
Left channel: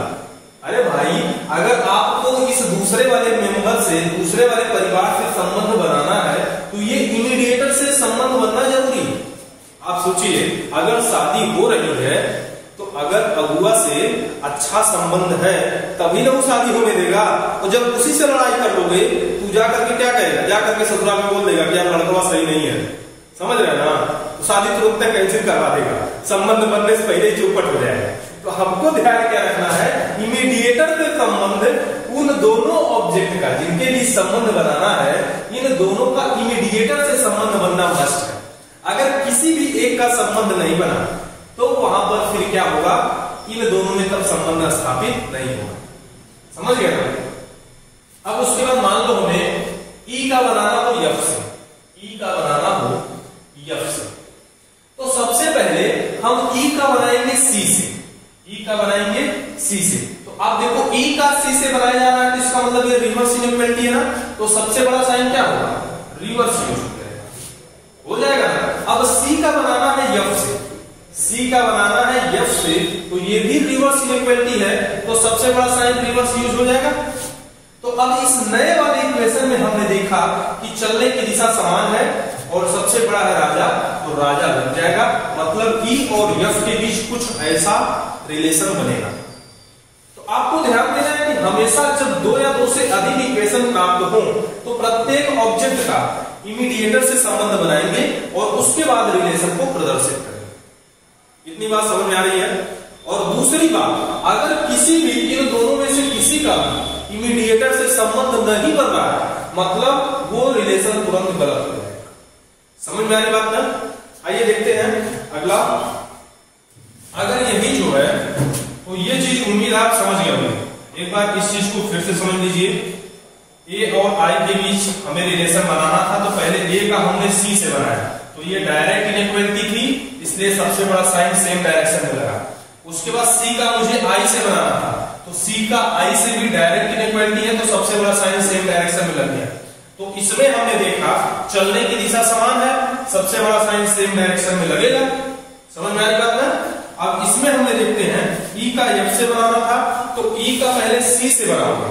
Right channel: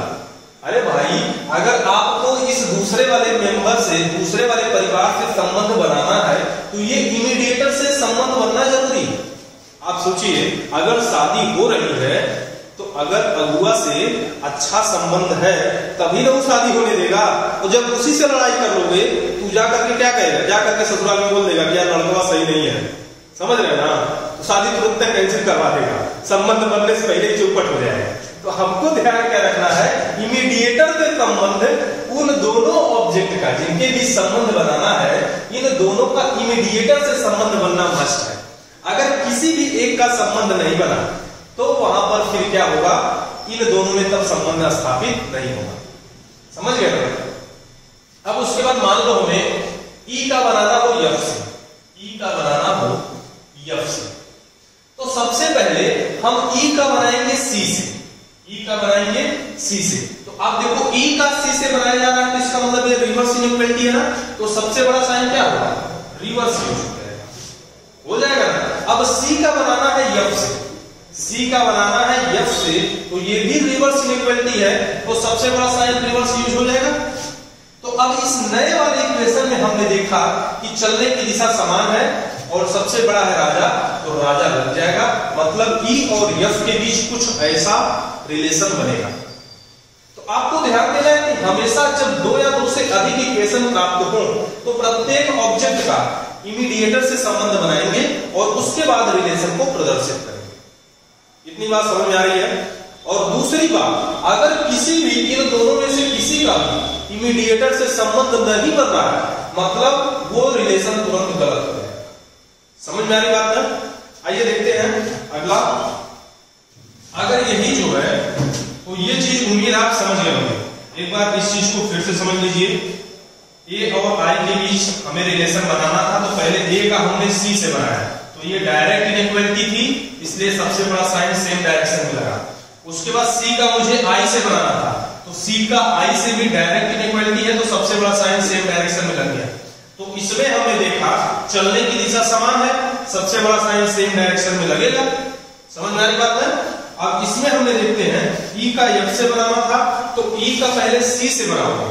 अरे भाई, अगर आपको इस दूसरे वाले मेंबर से, दूसरे वाले परिवार से संबंध बनाना है तो ये इमीडिएटर से संबंध बनना जरूरी। आप सोचिए, अगर शादी हो रही है तो अगर अगुआ से अच्छा संबंध है तभी ना वो शादी होने देगा। और जब उसी से लड़ाई कर लोगे तू जा करके क्या कहेगा? जा करके ससुराल में बोल देगा कि यार लड़का सही नहीं है, समझ रहे ना, तो शादी तुरंत कैंसिल करवा देगा, संबंध बनने से पहले ही चौपट हो जाएगा। तो हमको ध्यान क्या रखना है, इमीडिएटर से संबंध उन दोनों ऑब्जेक्ट का जिनके बीच संबंध बनाना है, इन दोनों का इमीडिएटर से संबंध बनना मस्ट है। अगर किसी भी एक का संबंध नहीं बना तो वहां पर फिर क्या होगा, इन दोनों में तब संबंध स्थापित नहीं होगा। समझ गए ना? अब उसके बाद मान लो हमें ई का बनाना हो एफ से, ई का बनाना हो एफ से, तो सबसे पहले हम ई का बनाएंगे सी से, ई का बनाएंगे सी से। तो आप देखो ई का सी से बनाया जा रहा है, तो इसका मतलब ये रिवर्स इनइक्वालिटी है ना, तो सबसे बड़ा साइन क्या होगा? रिवर्स हो जाएगा ना। अब सी का बनाना है एफ से, सी का बनाना है एफ से, तो ये भी रिवर्स इनइक्वालिटी है, तो सबसे बड़ा साइन रिवर्स यूज हो जाएगा। तो अब इस नए वाले इक्वेशन में हमने देखा कि चलने की दिशा समान है और सबसे बड़ा है राजा, तो राजा लग जाएगा, मतलब ई और एफ के बीच कुछ ऐसा रिलेशन बनेगा। तो आपको ध्यान देना है कि हमेशा जब दो या दो से अधिक इक्वेशन प्राप्त हो तो प्रत्येक ऑब्जेक्ट का इमीडिएटर से संबंध बनाएंगे और उसके बाद रिलेशन को प्रदर्शित करेंगे। इतनी बात समझ में आ रही है? और दूसरी बात, अगर किसी भी इन दोनों में से किसी का भी इमीडिएटर से संबंध नहीं बन रहा है, मतलब वो रिलेशन तुरंत गलत हो जाएगा। समझ में आ रही बात ना? आइए देखते हैं अगला। अगर यही जो है तो ये चीज उम्मीद आप समझ गए होंगे। एक बार इस चीज को फिर से समझ लीजिए। ए और आई के बीच हमें रिलेशन बनाना था, तो पहले ए का हमने सी से बनाया, तो ये डायरेक्ट इनइक्वालिटी थी, इसलिए सबसे बड़ा साइन सेम डायरेक्शन में लगा। उसके बाद सी का मुझे आई से बनाना था, तो सी का आई से भी डायरेक्ट इनइक्वालिटी है, तो सबसे बड़ा साइन सेम डायरेक्शन में लग गया। तो इसमें हमने देखा चलने की दिशा समान है, सबसे बड़ा साइन सेम डायरेक्शन में लगेगा। समझ में आ रही बात है? अब इसमें हमने देखते हैं ई का एफ से बनाना था, तो ई का पहले सी से बनाओगे,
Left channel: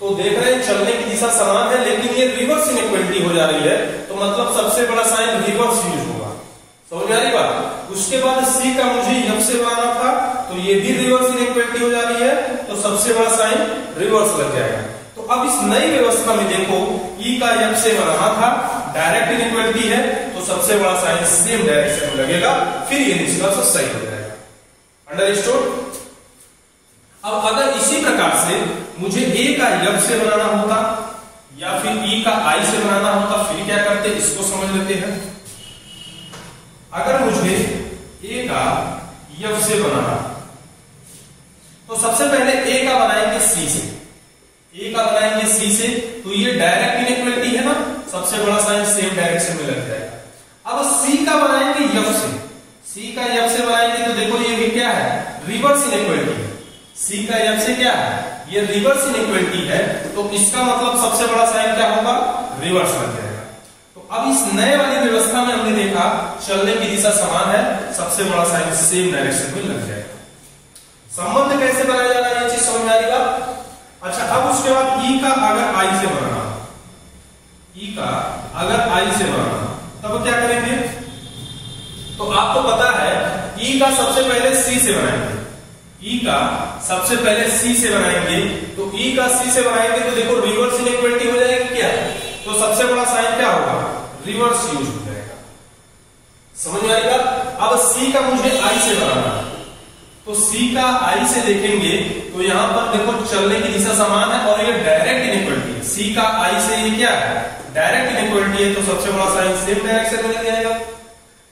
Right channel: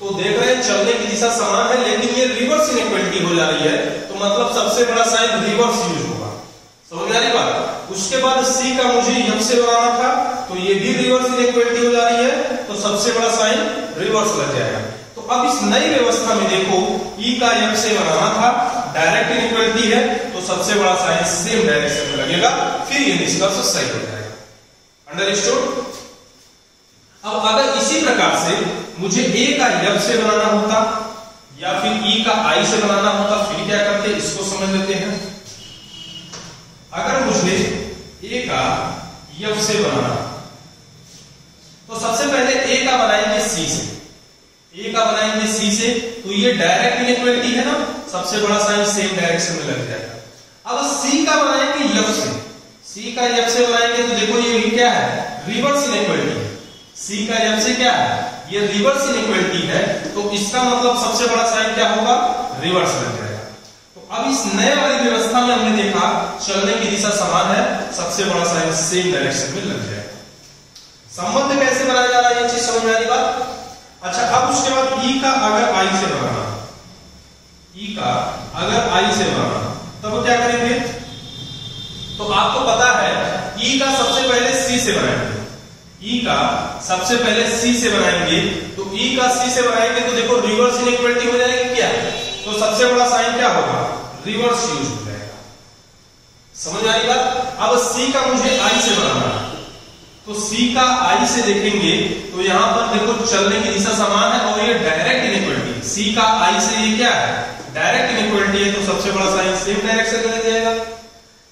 तो देख रहे हैं चलने की दिशा समान है लेकिन ये रिवर्स इनइक्वालिटी हो जा रही है, तो मतलब सबसे बड़ा साइन रिवर्स यूज होगा। समझ में आ रही बात? उसके बाद सी का मुझे एफ से बनाना था, तो ये भी रिवर्स इनइक्वालिटी हो जा रही है, तो सबसे बड़ा साइन रिवर्स लग जाएगा। तो अब इस नई व्यवस्था में देखो, ई का एफ से बनाना था, डायरेक्ट इनइक्वालिटी है, तो सबसे बड़ा साइन सेम डायरेक्शन में लगेगा, फिर ये निष्कर्ष सही हो जाएगा। अंडरस्टूड? अब अगर इसी प्रकार से मुझे ए का एफ से बनाना होता या फिर ई का आई से बनाना होता, फिर क्या करते, इसको समझ लेते हैं। अगर मुझे ए का एफ से बनाना, तो सबसे पहले ए का बनाएंगे सी से, ए का बनाएंगे सी से, तो ये डायरेक्ट इनइक्वालिटी है ना, सबसे बड़ा साइन सेम डायरेक्शन में लग जाएगा। अब सी का बनाएंगे एफ से, सी का एफ से बनाएंगे, तो देखो ये भी क्या है, रिवर्स इनइक्वालिटी है। सी का एफ से क्या है, ये रिवर्स इनइक्वालिटी है, तो इसका मतलब सबसे बड़ा साइन क्या होगा, रिवर्स लग जाएगा। तो अब इस नए वाली व्यवस्था में हमने देखा चलने की दिशा समान है, सबसे बड़ा साइन सेम डायरेक्शन में लग जाएगा। संबंध कैसे बनाया जा रहा है, ये चीज समझ में आ रही बात? अच्छा, अब उसके बाद ई का अगर आई से बनाना, ई का अगर आई से बनाना, तब क्या करेंगे? तो आपको पता है ई का सबसे पहले सी से बनाएंगे, ई का सबसे पहले सी से बनाएंगे, तो ई का सी से बनाएंगे तो देखो रिवर्स इनइक्वालिटी हो जाएगी क्या, तो सबसे बड़ा साइन क्या होगा, रिवर्स यूज हो जाएगा। समझ में आई बात? अब सी का मुझे आई से बनाना है, तो सी का आई से देखेंगे तो यहां पर देखो चलने की दिशा समान है और ये डायरेक्ट इनइक्वालिटी है। सी का आई से ये क्या है, डायरेक्ट इनइक्वालिटी है, तो सबसे बड़ा साइन सेम डायरेक्शन में लग जाएगा।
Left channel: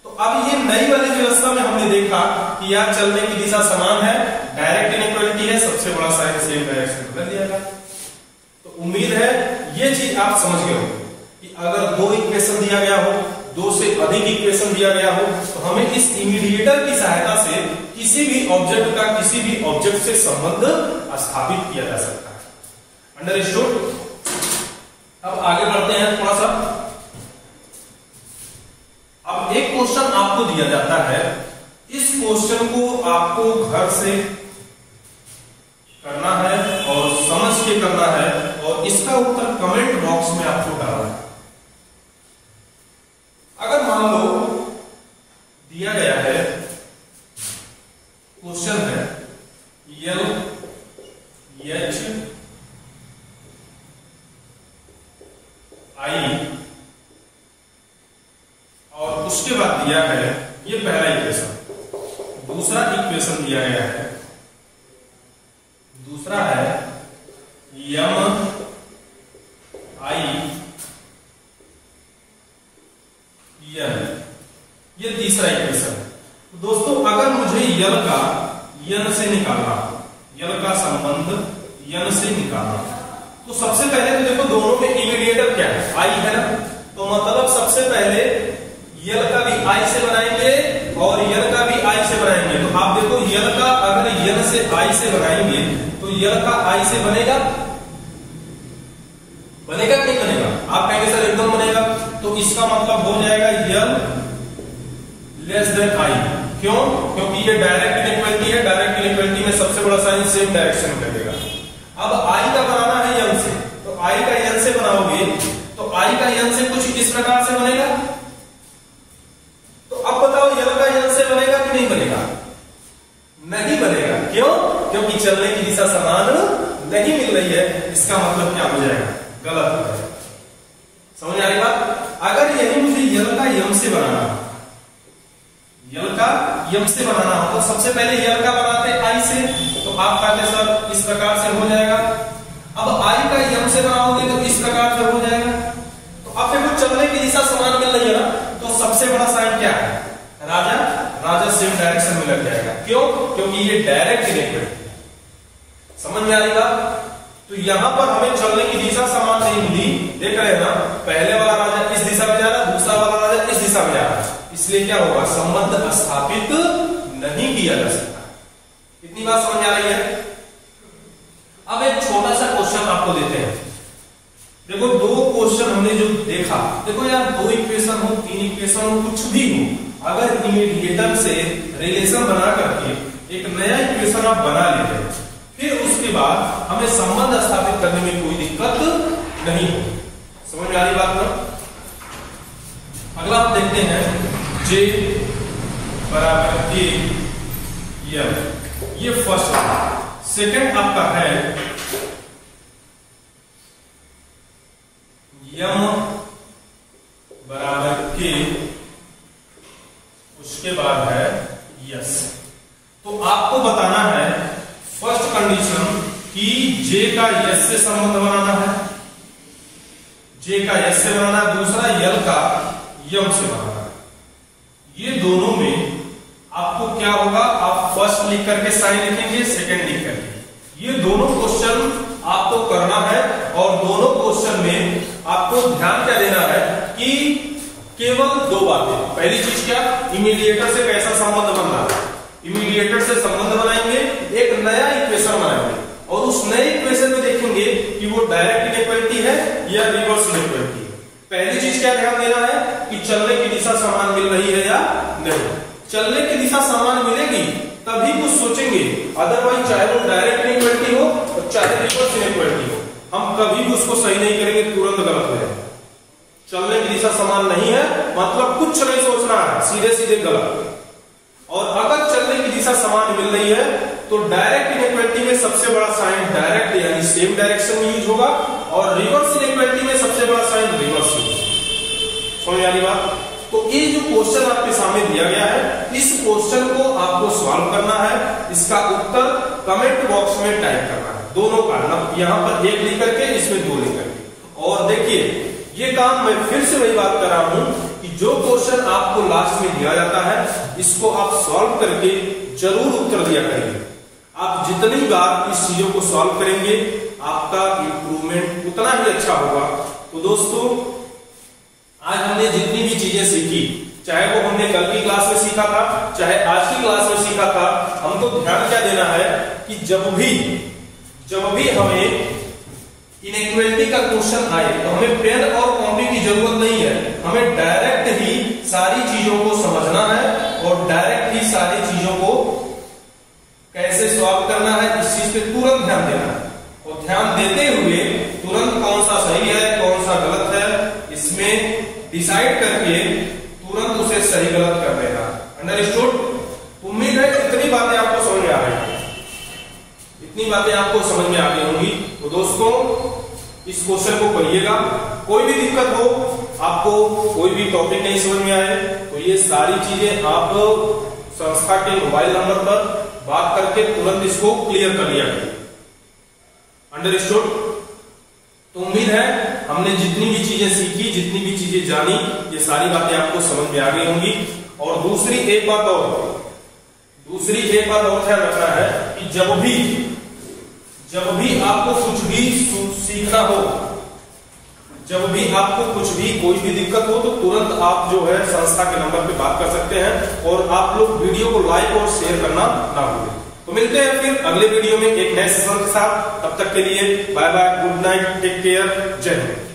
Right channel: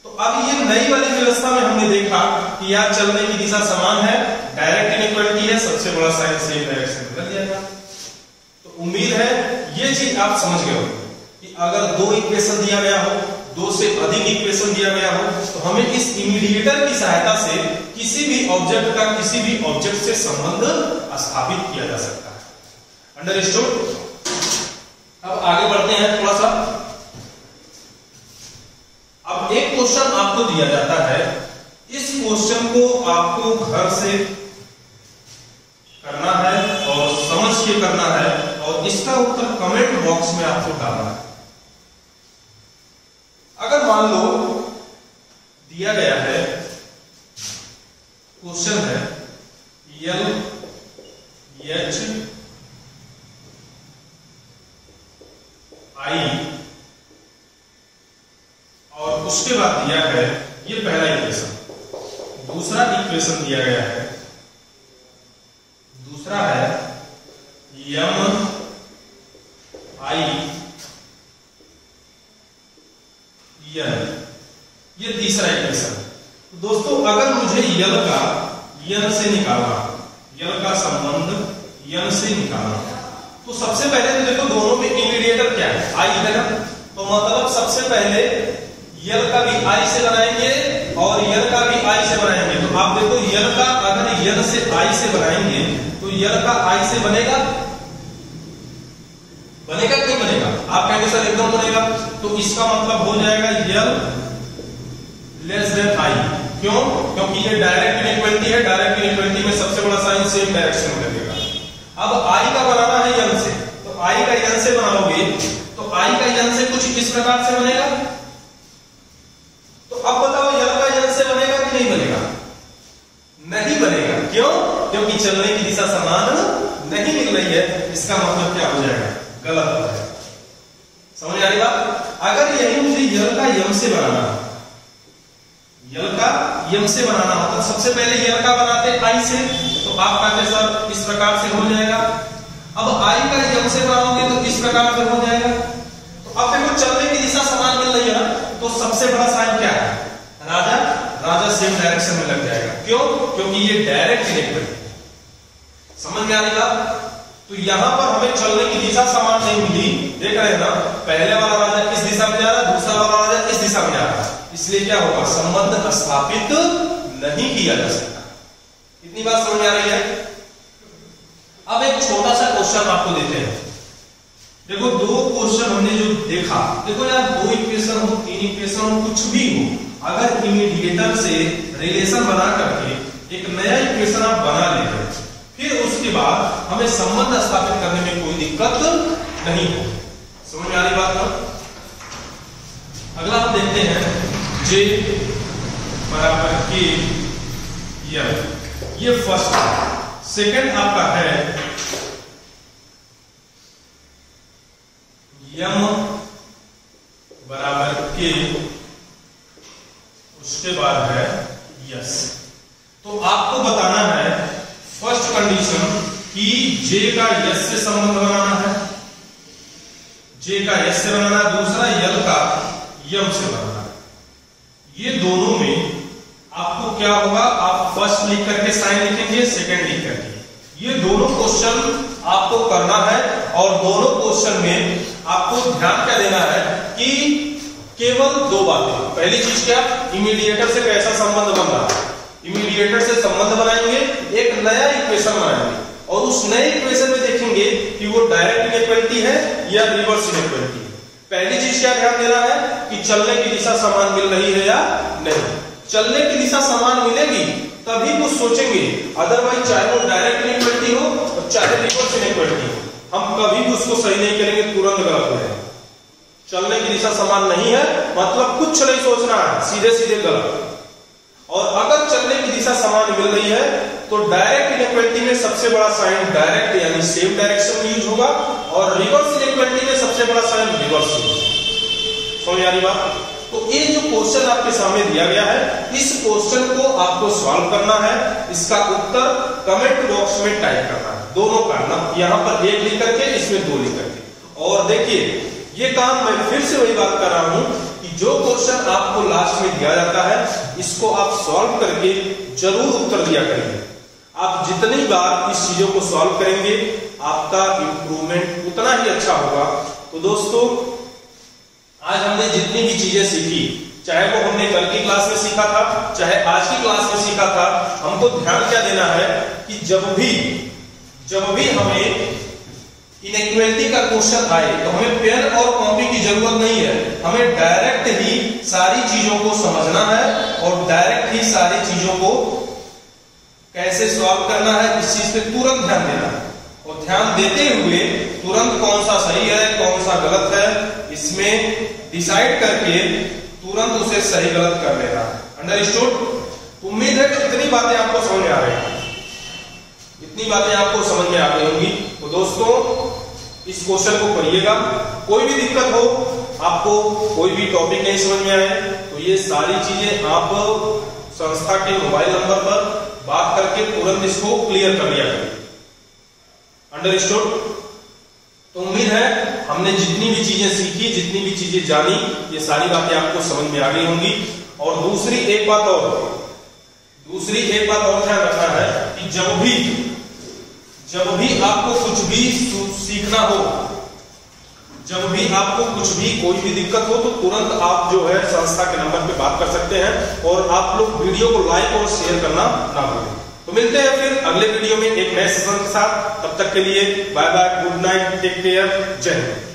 तो अब ये नई वाली व्यवस्था में हमने देखा कि यार चलने की दिशा समान है, डायरेक्ट इनइक्वालिटी है, सबसे बड़ा साइन सेम डायरेक्शन में कर दिया जाएगा। तो उम्मीद है ये चीज आप समझ गए होंगे कि अगर दो इक्वेशन दिया गया हो, दो से अधिक इक्वेशन दिया गया हो, तो हमें इस इमीडिएटर की सहायता से किसी भी ऑब्जेक्ट का किसी भी ऑब्जेक्ट से संबंध स्थापित किया जा सकता है। अंडरस्टूड? अब आगे बढ़ते हैं थोड़ा सा। अब एक क्वेश्चन आपको दिया जाता है, इस क्वेश्चन को आपको घर से करना है और समझ के करना है और इसका उत्तर कमेंट बॉक्स में आपको डालना है। अगर मान लो दिया गया है, क्वेश्चन है LHI और उसके बाद दिया है ये पहला इक्वेशन, दूसरा इक्वेशन दिया गया है, दूसरा है MIN, ये तीसरा इक्वेशन। तो दोस्तों अगर मुझे यल का यन से निकालना, यल का संबंध यन से निकालना, तो सबसे पहले तो देखो दोनों में इमीडिएटर क्या है, आई है ना, तो मतलब सबसे पहले यल का भी आई से बनाएंगे और यल का भी आई से बनाएंगे। तो आप देखो यल का अगर यल से आई से बनाएंगे तो यल का आई से बनेगा, बनेगा क्यों बनेगा? आप कहेंगे सर एकदम बनेगा, तो इसका मतलब हो जाएगा यल लेस देन आई। क्यों? क्योंकि ये डायरेक्ट इनइक्वालिटी है, डायरेक्ट इनइक्वालिटी में सबसे बड़ा साइन सेम डायरेक्शन में लगेगा। अब आई का बनाना है यन से, तो आई का यन से बनाओगे तो आई का यन से कुछ इस प्रकार से बनेगा। तो अब बताओ यल का यन से बनेगा कि नहीं बनेगा? नहीं बनेगा। क्यों? क्योंकि चलने की दिशा समान नहीं मिल रही है। इसका मतलब क्या हो जाएगा? गलत हो जाएगा। समझ आ रही बात? अगर यही मुझे यल का यम से बनाना, यल का यम से बनाना होता, सबसे पहले यल का बनाते आई से, तो आप कहते सर इस प्रकार से हो जाएगा। अब आई का यम से बनाओगे तो इस प्रकार से हो जाएगा। तो अब देखो चलने की दिशा समान मिल रही है ना, तो सबसे बड़ा साइन क्या है? राजा, राजा सेम डायरेक्शन में लग जाएगा। क्यों? क्योंकि ये डायरेक्ट इनइक्वालिटी है। समझ में आ रही बात? तो यहां पर हमें चलने की दिशा समान नहीं मिली, देख रहे हैं ना, पहले वाला राजा इस दिशा में जा रहा है, दूसरा वाला राजा इस दिशा में जा रहा है, इसलिए क्या होगा? संबंध स्थापित नहीं किया जा सकता। इतनी बात समझ में आ रही है? अब एक छोटा सा क्वेश्चन आपको देते हैं। देखो दो क्वेश्चन हमने जो देखा, देखो यार दो इक्वेशन हो, तीन इक्वेशन हो, कुछ भी हो, अगर इमीडिएटर से रिलेशन बना करके एक नया इक्वेशन आप बना लेते हैं, फिर उसके बाद हमें संबंध स्थापित करने में कोई दिक्कत नहीं हो। समझ में आ रही बात ना? अगला आप देखते हैं J बराबर K L, ये फर्स्ट। सेकंड आपका है M बराबर K, उसके बाद है यस। तो आपको बताना है फर्स्ट कंडीशन कि J का यस से संबंध बनाना है, J का यस से बनाना, दूसरा यल का यम से बनाना है। ये दोनों में आपको क्या होगा? आप फर्स्ट लिख करके साइन लिखेंगे, सेकंड लिख करके। ये दोनों क्वेश्चन आपको करना है और दोनों क्वेश्चन में आपको ध्यान क्या देना है कि केवल दो बातें। पहली चीज क्या? इमीडिएटर से कैसा संबंध बन रहा है, इमीडिएटर से संबंध बनाएंगे, एक नया इक्वेशन बनाएंगे और उस नए इक्वेशन में देखेंगे कि वो डायरेक्ट इनइक्वालिटी है या रिवर्स इनइक्वालिटी है। पहली चीज क्या ध्यान देना है कि चलने की दिशा समान मिल रही है या नहीं। चलने की दिशा समान मिलेगी तभी कुछ सोचेंगे, अदरवाइज चाहे वो डायरेक्ट इनइक्वालिटी हो और चाहे रिवर्स इनइक्वालिटी हो, हम कभी भी उसको सही नहीं करेंगे, तुरंत गलत हो जाएगा। चलने की दिशा समान नहीं है मतलब कुछ नहीं सोचना है, सीधे सीधे गलत। और अगर चलने की दिशा समान मिल रही है तो डायरेक्ट इनइक्वालिटी में सबसे बड़ा साइन डायरेक्ट यानी सेम डायरेक्शन में यूज होगा और रिवर्स इनइक्वालिटी में सबसे बड़ा साइन रिवर्स यूज। समझ आ रही बात? तो ये जो क्वेश्चन आपके सामने दिया गया है, इस क्वेश्चन को आपको सॉल्व करना है, इसका उत्तर कमेंट बॉक्स में टाइप करना है, दोनों का ना, यहां पर एक लिख करके इसमें दो लिख करके। और देखिए ये काम मैं फिर से वही बात कर रहा हूं कि जो क्वेश्चन आपको लास्ट में दिया जाता है, इसको आप सॉल्व करके जरूर उत्तर दिया करेंगे। आप जितनी बार इस चीजों को सॉल्व करेंगे आपका इंप्रूवमेंट उतना ही अच्छा होगा। तो दोस्तों आज हमने जितनी भी चीजें सीखी, चाहे वो हमने कल की क्लास में सीखा था, चाहे आज की क्लास में सीखा था, हमको ध्यान क्या देना है कि जब भी हमें इनइक्वालिटी का क्वेश्चन आए तो हमें पेन और कॉपी की जरूरत नहीं है, हमें डायरेक्ट ही सारी चीजों को समझना है और डायरेक्ट ही सारी चीजों को कैसे सॉल्व करना है इस चीज पे तुरंत ध्यान देना है। और ध्यान देते हुए तुरंत कौन सा सही है कौन सा गलत है इसमें डिसाइड करके तुरंत उसे सही गलत कर देना। अंडरस्टूड? उम्मीद है इतनी बातें आपको समझ में आ रही हैं, इतनी बातें आपको समझ में आ गई होंगी। तो दोस्तों इस क्वेश्चन को करिएगा, कोई भी दिक्कत हो, आपको कोई भी टॉपिक नहीं समझ में आए तो ये सारी चीजें आप संस्था के मोबाइल नंबर पर बात करके तुरंत इसको क्लियर कर लिया करें। अंडरस्टूड? तो उम्मीद है हमने जितनी भी चीजें सीखी, जितनी भी चीजें जानी, ये सारी बातें आपको समझ में आ गई होंगी। और दूसरी एक बात और ध्यान रखना है कि जब भी आपको कुछ भी सीखना हो, जब भी आपको कुछ भी कोई भी दिक्कत हो तो तुरंत आप जो है संस्था के नंबर पे बात कर सकते हैं। और आप लोग वीडियो को लाइक और शेयर करना ना भूलें। तो मिलते हैं फिर अगले वीडियो में एक नए सेशन के साथ। तब तक के लिए bye bye, good night, take care, Jai Hind.